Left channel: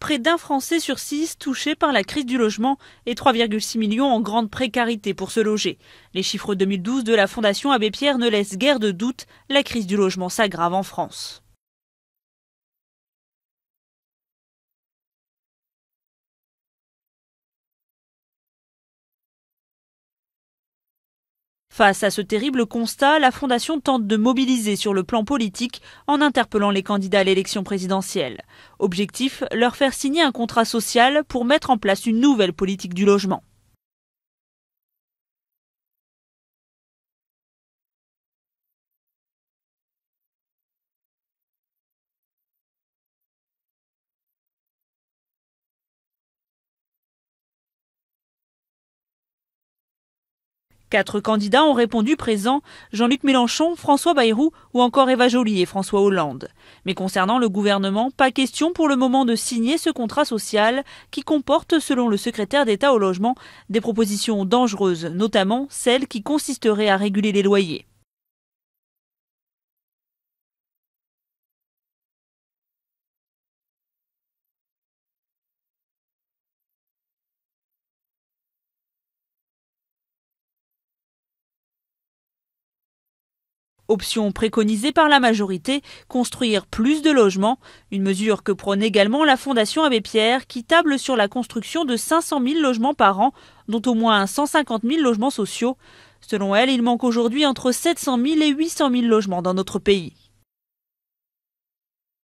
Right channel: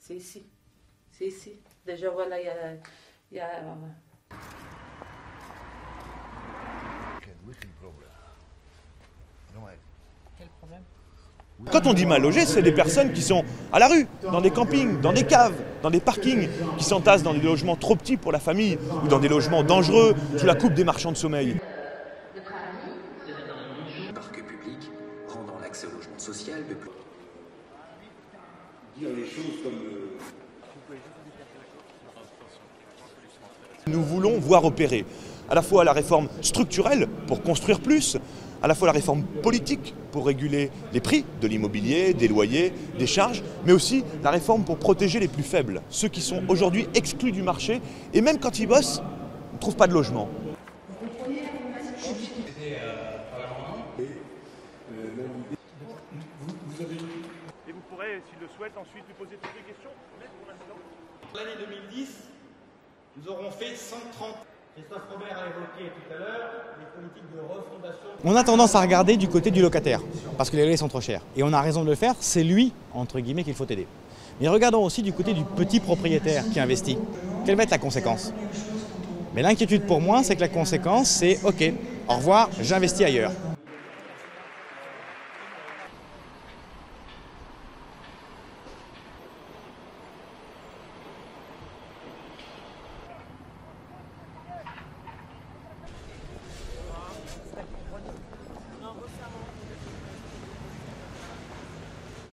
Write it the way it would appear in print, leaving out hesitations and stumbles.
Près d'un Français sur 6 touché par la crise du logement et 3,6 millions en grande précarité pour se loger. Les chiffres 2012 de la Fondation Abbé Pierre ne laissent guère de doute, la crise du logement s'aggrave en France. Quand on dit mal logé, c'est des personnes qui sont à la rue, dans des campings, dans des caves, dans des parkings, qui s'entassent dans des logements trop petits pour la famille ou dans des logements dangereux sous la coupe des marchands de sommeil. Face à ce terrible constat, la Fondation tente de mobiliser sur le plan politique en interpellant les candidats à l'élection présidentielle. Objectif, leur faire signer un contrat social pour mettre en place une nouvelle politique du logement. Nous voulons voir opérer à la fois la réforme structurelle pour construire plus, à la fois la réforme politique pour réguler les prix de l'immobilier, des loyers, des charges, mais aussi la réforme pour protéger les plus faibles, ceux qui sont aujourd'hui exclus du marché et même quand ils bossent, ne trouvent pas de logement. 4 candidats ont répondu présents, Jean-Luc Mélenchon, François Bayrou ou encore Eva Joly et François Hollande. Mais concernant le gouvernement, pas question pour le moment de signer ce contrat social qui comporte, selon le secrétaire d'État au logement, des propositions dangereuses, notamment celles qui consisteraient à réguler les loyers. On a tendance à regarder du côté du locataire, parce que les loyers sont trop chers. Et on a raison de le faire, c'est lui, entre guillemets, qu'il faut aider. Mais regardons aussi du côté du petit propriétaire qui investit. Quelle va être la conséquence ? Mais l'inquiétude pour moi, c'est que la conséquence, c'est « ok, au revoir, j'investis ailleurs ». Option préconisée par la majorité, construire plus de logements. Une mesure que prône également la Fondation Abbé Pierre qui table sur la construction de 500 000 logements par an, dont au moins 150 000 logements sociaux. Selon elle, il manque aujourd'hui entre 700 000 et 800 000 logements dans notre pays.